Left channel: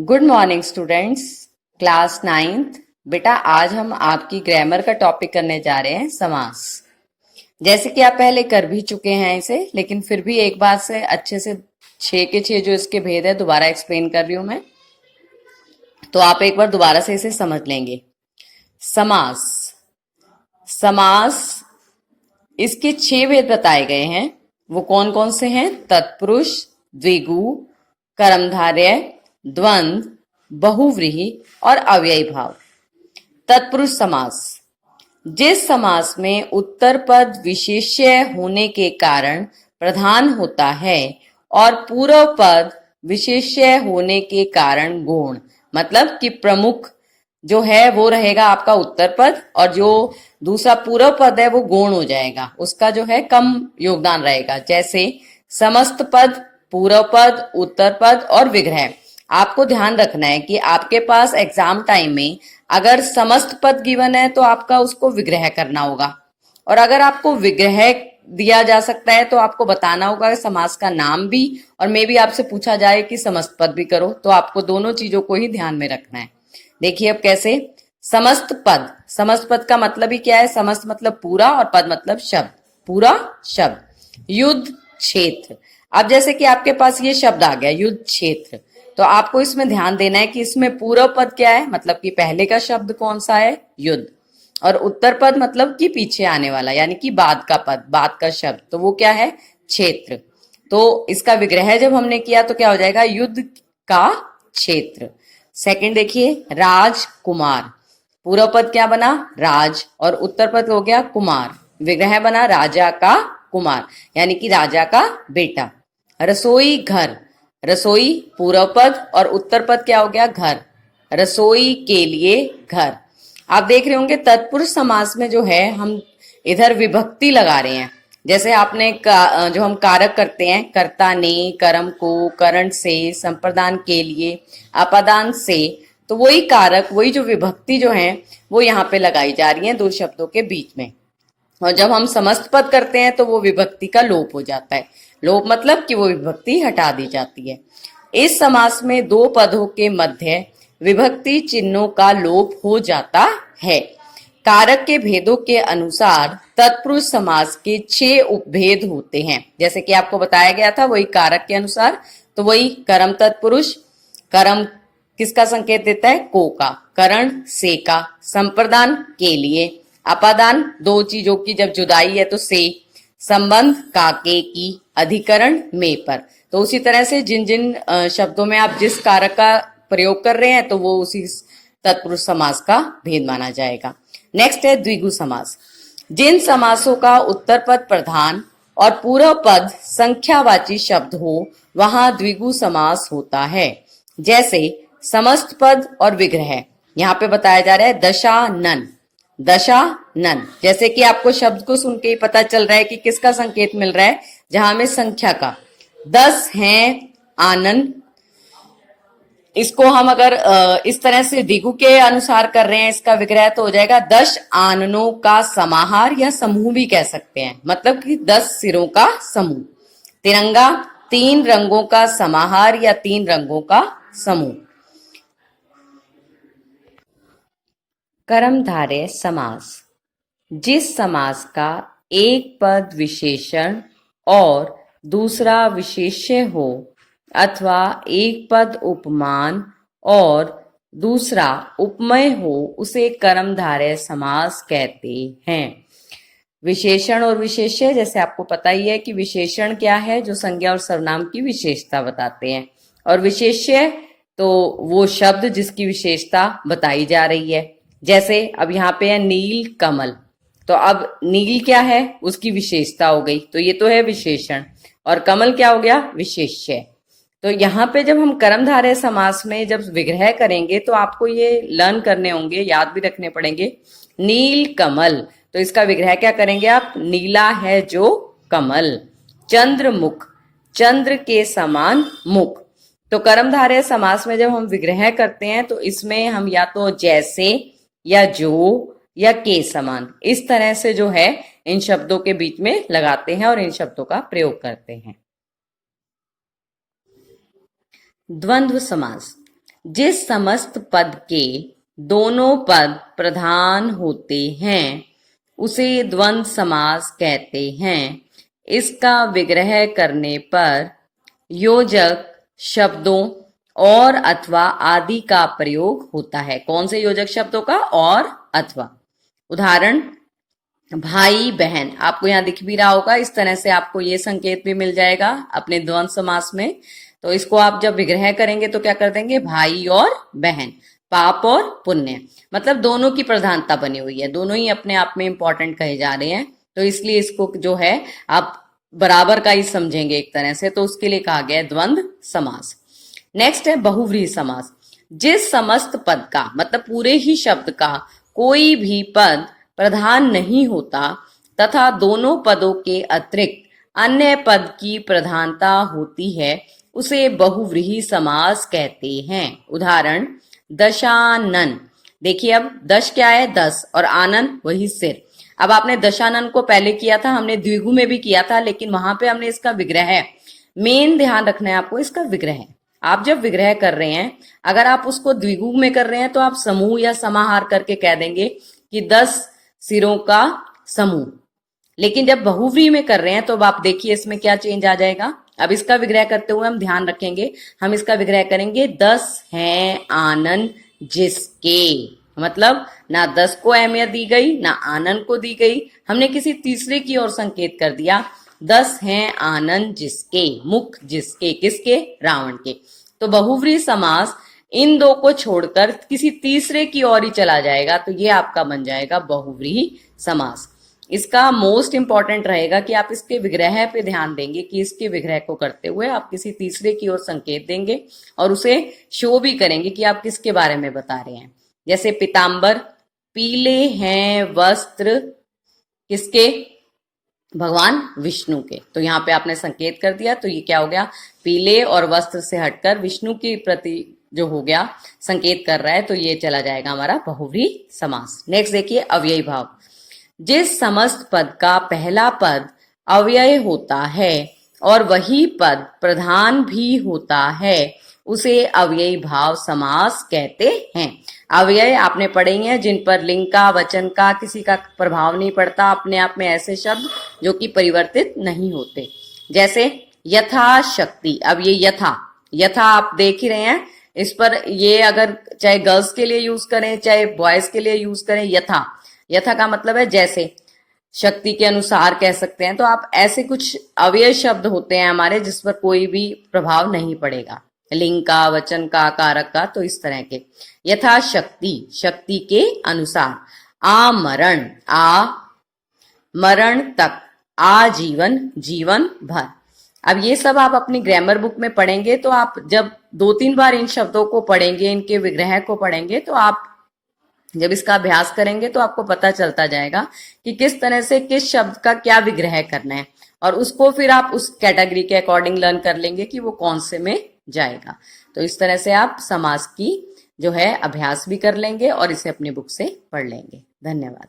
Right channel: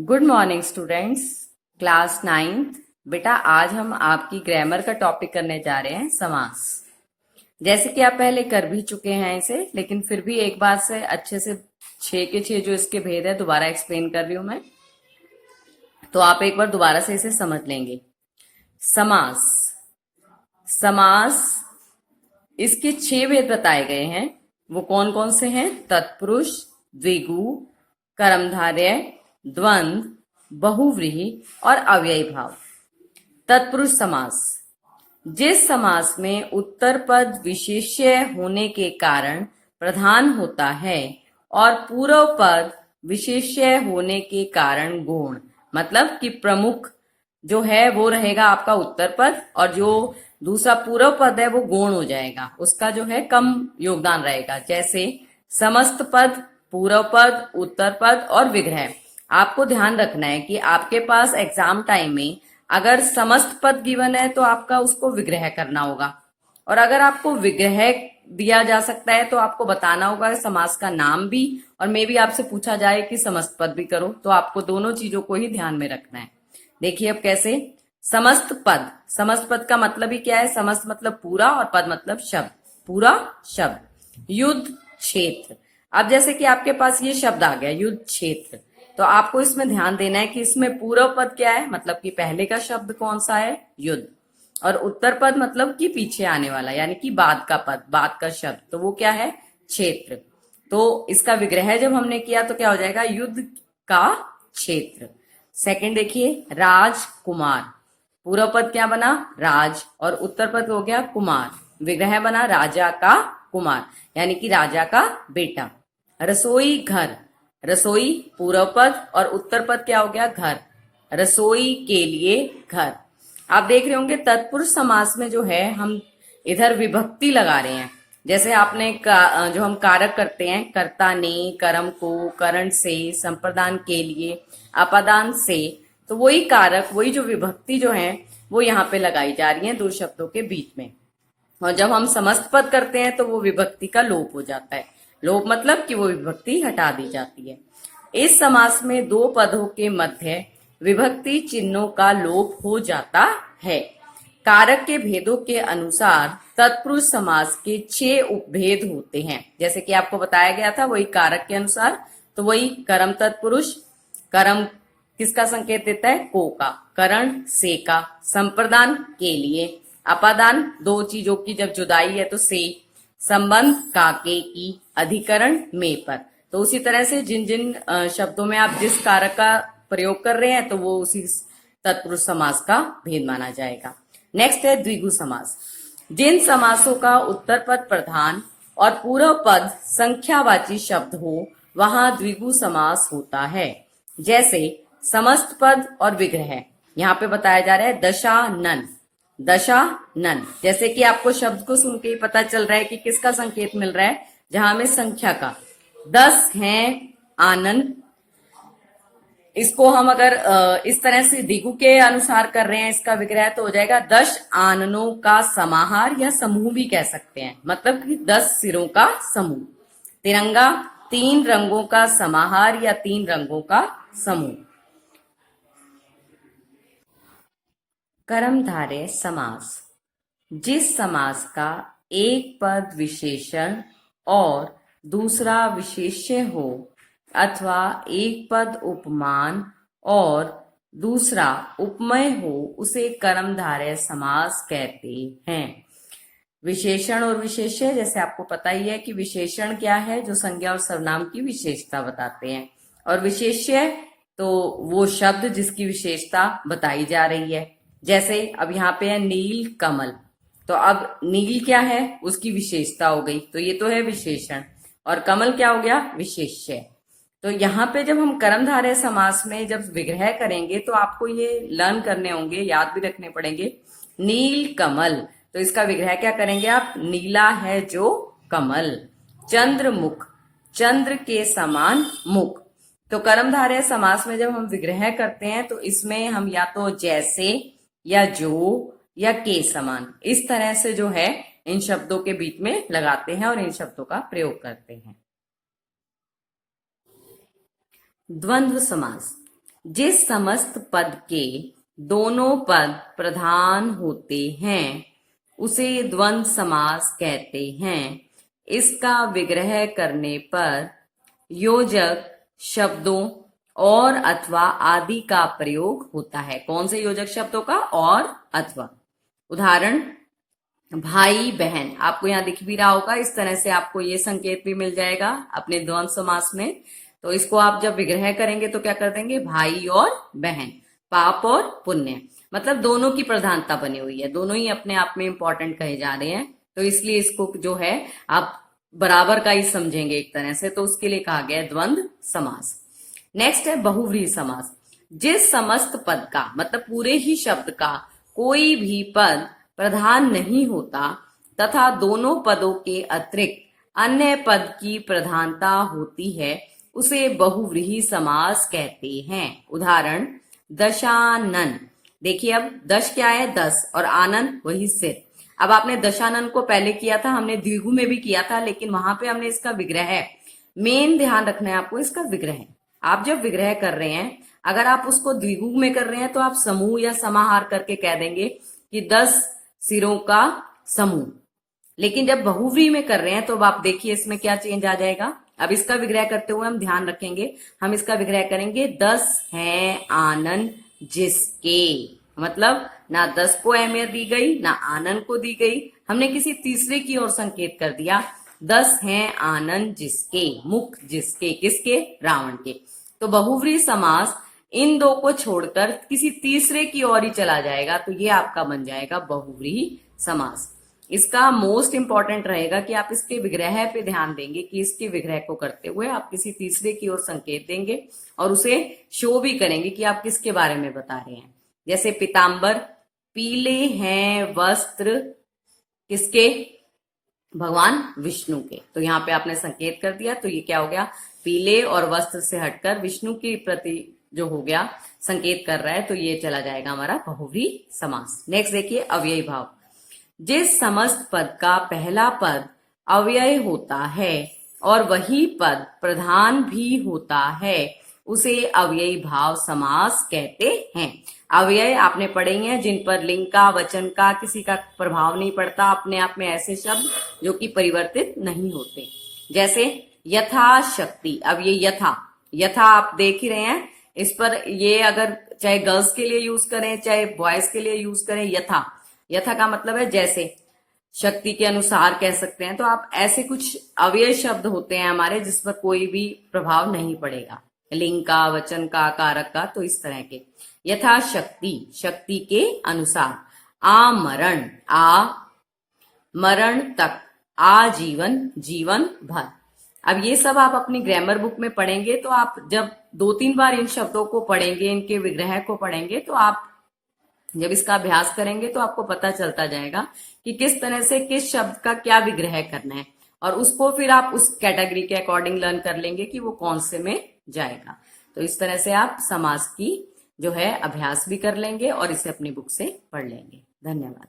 Good morning students, class 9th। बेटा आज हम आपकी ग्रामर का टॉपिक करने जा रहे हैं समास। जैसे कि आप पहले कर भी चुके हैं इसे, लेकिन फिर भी एक बार से अच्छे से 6 के 6 जो इसके भेद है दोबारा एक्सप्लेन कर रही हूं मैं, तो आप एक बार दोबारा से इसे समझ लेंगे। समास, समास इसके 6 भेद बताए गए हैं। वो कौन कौन से हैं? तत्पुरुष, द्विगु, कर्मधारय, द्वंद्व, बहुव्रीहि और अव्ययी भाव। तत्पुरुष समास, जिस समास में उत्तर पद विशेष्य होने के कारण प्रधान होता है और पूर्व पद विशेष्य होने के कारण गौण, मतलब कि प्रमुख जो है वो रहेगा आपका उत्तर पद और जो दूसरा पूर्व पद है वो गौण हो जाएगा, उसका जो है कम योगदान रहेगा। जैसे समस्त पद, पूर्व पद, उत्तर पद और विग्रह। आपको ध्यान रखना है कि आपके पास एग्जाम टाइम में अगर समस्त पद गिवन है तो आपका उसको विग्रह करना होगा, और अगर आपको विग्रह दिया जा सकता है तो आपको बताना होगा समास का नाम भी, और मे भी आपसे पूछा जाए कि समस्त पद भी करो, तो आपको दोनों चीजों को ही ध्यान में रखना है। देखिए अब कैसे। समस्त पद, समस्त पद का मतलब ही क्या है? समस्त मतलब पूरा और पद मतलब शब्द, पूरा शब्द। युद्ध क्षेत्र, अब जैसे कि आपके पास ये शब्द आ गया युद्ध क्षेत्र, तो आपको इसमें ध्यान देना है कि इसमें पूर्व पद क्या है, मतलब कि पहले का शब्द कौन सा है? युद्ध। और उत्तर पद मतलब कि पीछे आने वाला, यानी कि बाद का पद, बाद का शब्द, तो वो क्या है? क्षेत्र। तो इसका विग्रह जब हमने किया तो क्या हो जाएगा? युद्ध का क्षेत्र। सेकंड देखिए, राजकुमार, पूर्व पद क्या बना? राज, और उत्तर पद हो गया कुमार, विग्रह बना राजा का कुमार, यानी कि राजा का बेटा। रसोई घर, रसोई पूर्व पद और उत्तर पद क्या हो गया? घर, रसोई के लिए घर। आप देख रहे होंगे तत्पुरुष समास में जो है हम इधर विभक्ति लगा रहे हैं। जैसे आपने जो हम कारक करते हैं, कर्ता ने, कर्म को, करण से, संप्रदान के लिए, अपादान से, तो वही कारक, वही जो विभक्ति जो है वो यहाँ पे लगाई जा रही है दो शब्दों के बीच में। और जब हम समस्त पद करते हैं तो वो विभक्ति का लोप हो जाता है। लोप मतलब कि वो विभक्ति हटा दी जाती है। इस समास में दो पदों के मध्य विभक्ति चिन्हों का लोप हो जाता है। कारक के भेदों के अनुसार तत्पुरुष समास के 6 उपभेद होते हैं। जैसे कि आपको बताया गया था वही कारक के अनुसार, तो वही कर्म तत्पुरुष, कर्म किसका संकेत देता है? को का, करण से का, संप्रदान के लिए, अपादान दो चीजों की जब जुदाई है तो से, संबंध का के की, अधिकरण में पर। तो उसी तरह से जिन जिन शब्दों में आप जिस कारक का प्रयोग कर रहे हैं तो वो उसी तत्पुरुष समास का भेद माना जाएगा। नेक्स्ट है द्विगु समास। जिन समासों का उत्तर पद प्रधान और पूर्व पद संख्यावाची शब्द हो वहां द्विगु समास होता है। जैसे समस्त पद और विग्रह, यहाँ पे बताया जा रहा है दशानन, दशानन। जैसे कि आपको शब्द को सुन के ही पता चल रहा है कि किसका संकेत मिल रहा है, जहां में संख्या का 10 हैं आनंद। इसको हम अगर इस तरह से द्विगु के अनुसार कर रहे हैं इसका विग्रह, तो हो जाएगा 10 आननों का समाहार या समूह भी कह सकते हैं, मतलब कि 10 सिरों का समूह। तिरंगा 3 रंगों का समाहार या 3 रंगों का समूह। कर्मधारय समास, जिस समास का एक पद विशेषण और दूसरा विशेष्य हो अथवा एक पद उपमान और दूसरा उपमेय हो उसे कर्मधारय समास कहते हैं। विशेषण और विशेष्य, जैसे आपको पता ही है कि विशेषण क्या है? जो संज्ञा और सर्वनाम की विशेषता बताते हैं, और विशेष्य तो वो शब्द जिसकी विशेषता बताई जा रही है। जैसे अब यहाँ पे है नील कमल, तो अब नील क्या है? उसकी विशेषता हो गई, तो ये तो है विशेषण, और कमल क्या हो गया? विशेष्य। तो यहाँ पे जब हम कर्मधारय समास में जब विग्रह करेंगे तो आपको ये लर्न करने होंगे, याद भी रखने पड़ेंगे। नील कमल, तो इसका विग्रह क्या करेंगे आप? नीला है जो कमल। चंद्रमुख, चंद्र के समान मुख। तो कर्मधारय समास में जब हम विग्रह करते हैं तो इसमें हम या तो जैसे या जो या के समान, इस तरह से जो है इन शब्दों के बीच में लगाते हैं और इन शब्दों का प्रयोग करते हैं। द्वंद्व समास, जिस समस्त पद के दोनों पद प्रधान होते हैं उसे द्वंद्व समास कहते हैं। इसका विग्रह करने पर योजक शब्दों और अथवा आदि का प्रयोग होता है। कौन से योजक शब्दों का? और अथवा। उदाहरण, भाई बहन, आपको यहाँ दिख भी रहा होगा। इस तरह से आपको ये संकेत भी मिल जाएगा अपने द्वंद्व समास में। तो इसको आप जब विग्रह करेंगे तो क्या कर देंगे? भाई और बहन, पाप और पुण्य, मतलब दोनों की प्रधानता बनी हुई है, दोनों ही अपने आप में इंपॉर्टेंट कहे जा रहे हैं। तो इसलिए इसको जो है आप बराबर का ही समझेंगे एक तरह से, तो उसके लिए कहा गया है द्वंद्व समास। नेक्स्ट है बहुव्रीहि समास। जिस समस्त पद का, मतलब पूरे ही शब्द का कोई भी पद प्रधान नहीं होता तथा दोनों पदों के अतिरिक्त अन्य पद की प्रधानता होती है उसे बहुव्रीहि समास कहते हैं। उदाहरण, दशानन। देखिए अब दश क्या है? 10, और आनन वही सिर। अब आपने दशानन को पहले किया था, हमने द्विगु में भी किया था, लेकिन वहां पे हमने इसका विग्रह, मेन ध्यान रखना है आपको इसका विग्रह। आप जब विग्रह कर रहे हैं, अगर आप उसको द्विगु में कर रहे हैं तो आप समूह या समाहार करके कह देंगे कि 10 सिरों का समूह। लेकिन जब बहुव्रीहि में कर रहे हैं तो अब आप देखिए इसमें क्या चेंज आ जाएगा। अब इसका विग्रह करते हुए हम ध्यान रखेंगे, हम इसका विग्रह करेंगे 10 हैं आनन जिसके, मतलब ना 10 को अहमियत दी गई ना आनन को दी गई, हमने किसी तीसरे की ओर संकेत कर दिया। 10 हैं आनन जिसके, मुख जिसके, किसके? रावण के। तो बहुव्रीहि समास इन दो को छोड़कर किसी तीसरे की ओर ही चला जाएगा, तो ये आपका बन जाएगा बहुव्रीहि समास। इसका मोस्ट इंपॉर्टेंट रहेगा कि आप इसके विग्रह पे ध्यान देंगे कि इसके विग्रह को करते हुए आप किसी तीसरे की ओर संकेत देंगे और उसे शो भी करेंगे कि आप किसके बारे में बता रहे हैं। जैसे पीताम्बर, पीले हैं वस्त्र किसके? भगवान विष्णु के। तो यहाँ पे आपने संकेत कर दिया, तो ये क्या हो गया? पीले और वस्त्र से हटकर विष्णु के प्रति जो हो गया संकेत कर रहा है, तो ये चला जाएगा हमारा बहुव्रीहि समास। नेक्स्ट देखिए अव्ययी भाव। जिस समस्त पद का पहला पद अव्यय होता है और वही पद प्रधान भी होता है उसे अव्ययी भाव समास कहते हैं। अव्यय आपने पढ़े ही हैं, जिन पर लिंग का, वचन का, किसी का प्रभाव नहीं पड़ता, अपने आप में ऐसे शब्द जो कि परिवर्तित नहीं होते। जैसे यथाशक्ति। अब ये यथा आप देख ही रहे हैं, इस पर ये अगर चाहे गर्ल्स के लिए यूज करें चाहे बॉयज के लिए यूज करें, यथा का मतलब है जैसे, शक्ति के अनुसार कह सकते हैं। तो आप ऐसे कुछ अव्यय शब्द होते हैं हमारे जिस पर कोई भी प्रभाव नहीं पड़ेगा, लिंग का, वचन का, कारक का, तो इस तरह के। यथाशक्ति, शक्ति के अनुसार। आमरण, आ मरण तक, आजीवन, जीवन भर। अब ये सब आप अपनी ग्रामर बुक में पढ़ेंगे, तो आप जब 2-3 बार इन शब्दों को पढ़ेंगे, इनके विग्रह को पढ़ेंगे, तो आप जब इसका अभ्यास करेंगे तो आपको पता चलता जाएगा कि किस तरह से किस शब्द का क्या विग्रह करना है, और उसको फिर आप उस कैटेगरी के अकॉर्डिंग लर्न कर लेंगे कि वो कौन से में जाएगा। तो इस तरह से आप समास की जो है अभ्यास भी कर लेंगे और इसे अपनी बुक से पढ़ लेंगे। धन्यवाद।